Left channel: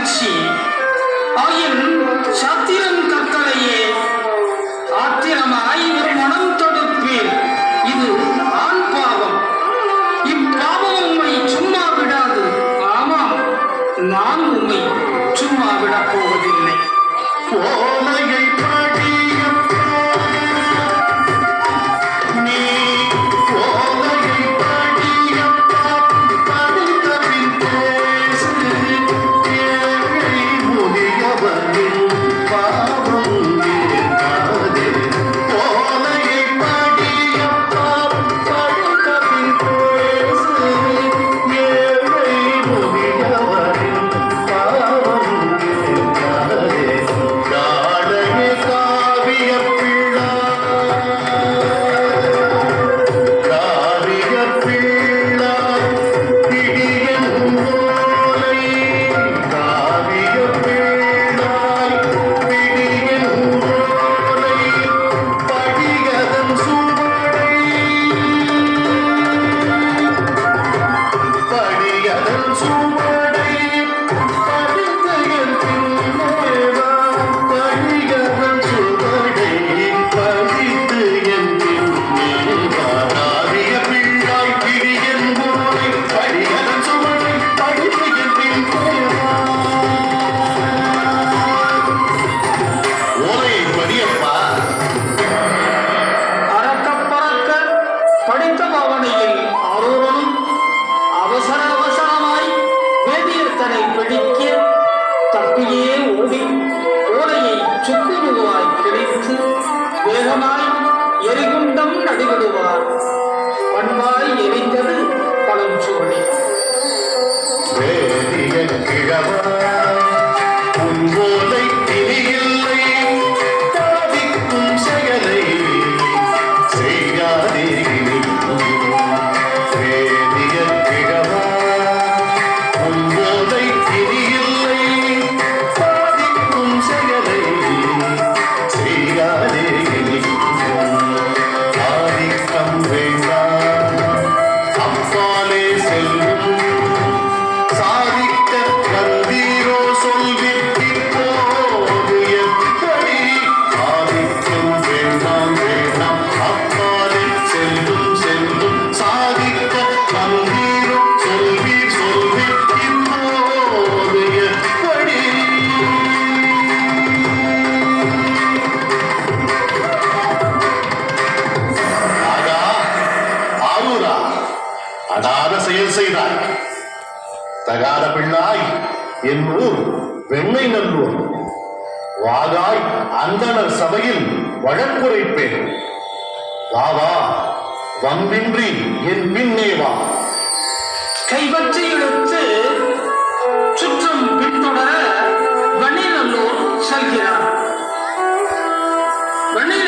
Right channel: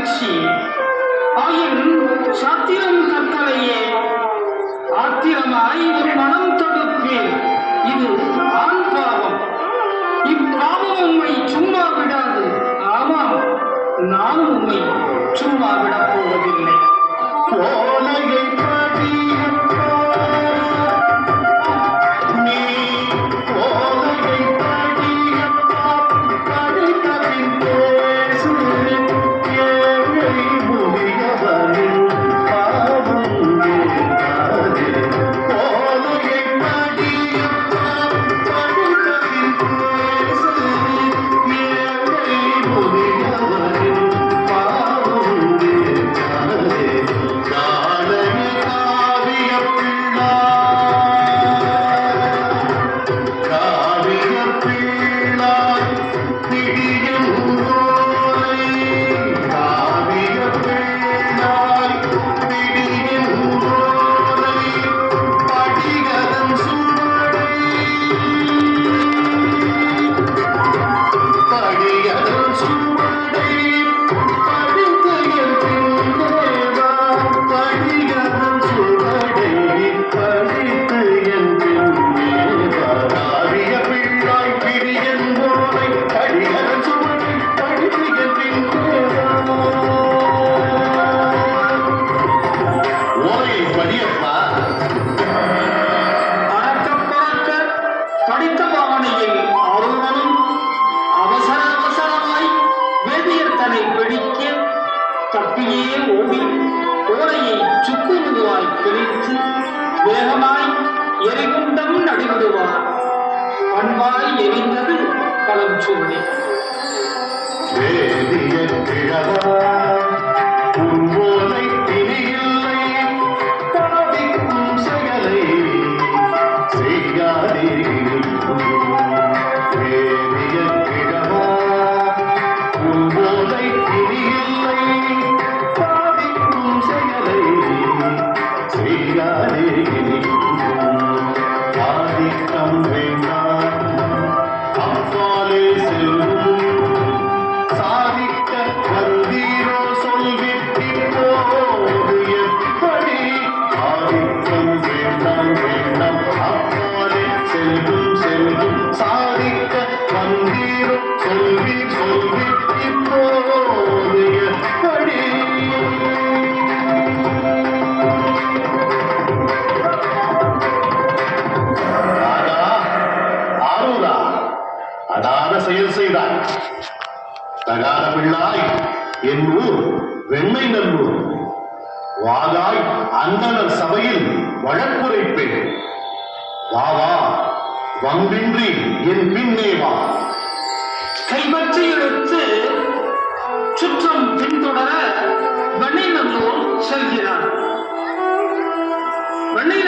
மகிழ்ச்சி ஆயின் சாத்திரம் கற்களையே ஆத்திரமாய் ஒரு மனம் தொடுப்பேன். இது ஆண் பாவம். இப்பாவம் உம்மை சும்மா விடாது. ஆமாம், நான் உம்மை சும்மா விடப் போவதில்லை. ஓலையை தப்பியே ஓடி ஓலையை சுக்குருவாய் கிழித்து வேகமாய் எரிகுண்டம் நடுவிடுவார். பண்பாய் எரிந்தது பழம் சூழி. செயல் செய்தார். தகாத பிள்ளாய் என் ஊர் வெண்ணை நல்லூர். வாகாய் அந்தனர் சபையில் வழக்குரைப்பேன். வாவா, வம்பின்றி என் பின்னே வா. கைப்பற்றி எடுத்து சுற்றம் பின்தொடர வெண்ணை நல்லூர் செல்கிறார். வெண்ணை